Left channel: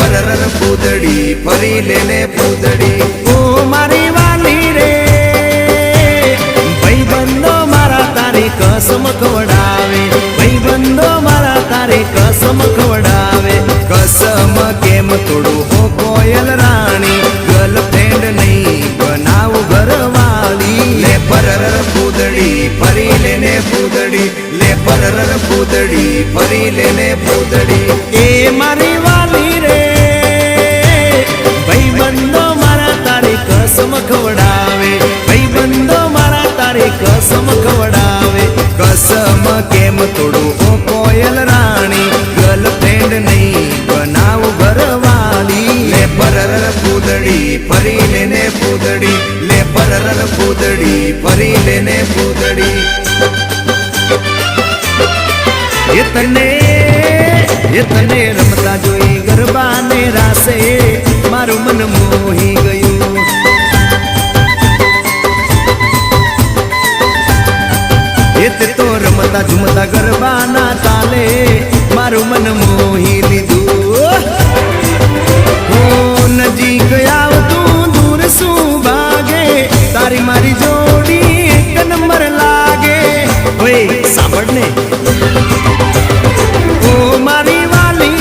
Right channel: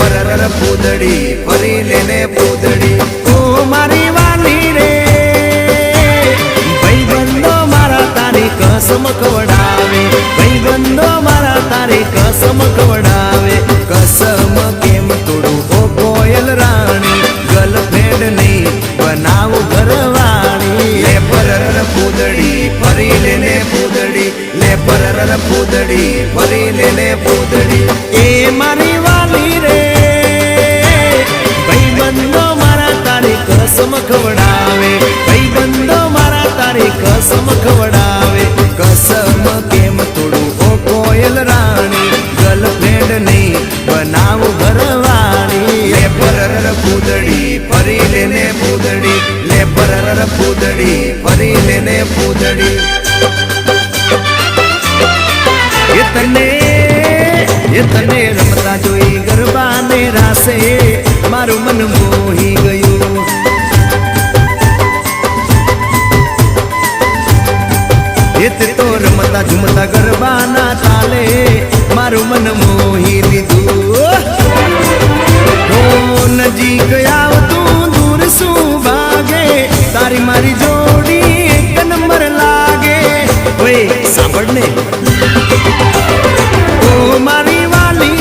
પરર પૂદડી ફરી લેને પૂદડી ઓ મારી વાલી રે ભાઈબંધો મારા તારી કસમ ખવડાવે ભાઈબંધો મારા તારી કસમ ખવડાવે કસમ કેમ તોડું ઓ કોયલ રાણી ગર્લફ્રેન્ડ નહીં બનાવ ઘરવાળી લે પરર પૂદડી ફરી લેને પૂદડી લે પરર પૂદડી ફરી લેને પૂદડી એ મારી વાલી રે ભાઈબંધો મારા તારી કસમ ખવડાવે ભાઈબંધો મારા તારી કસમ ખવડાવે કસમ કેમ તોડું ઓ કોયલ રાણી ગર્લફ્રેન્ડ નહીં બનાવ ઘરવાળી લે પરર પૂદડી ફરી લેને પૂદડી લે પરર પૂદડી ફરી લેને પૂદડી એ તને રમતા જોઈ ગરબાને રાસે મારું મન મોહી ગયું એ તે તો રમતા ઝુમતા ગરબાના તાલે મારું મન મોહી લીધું હો નજીક આવતું દૂર શું ભાગે તારી મારી જોડી એક નંબર લાગે ઓય સાંભળ ને ઓ મારી વાલી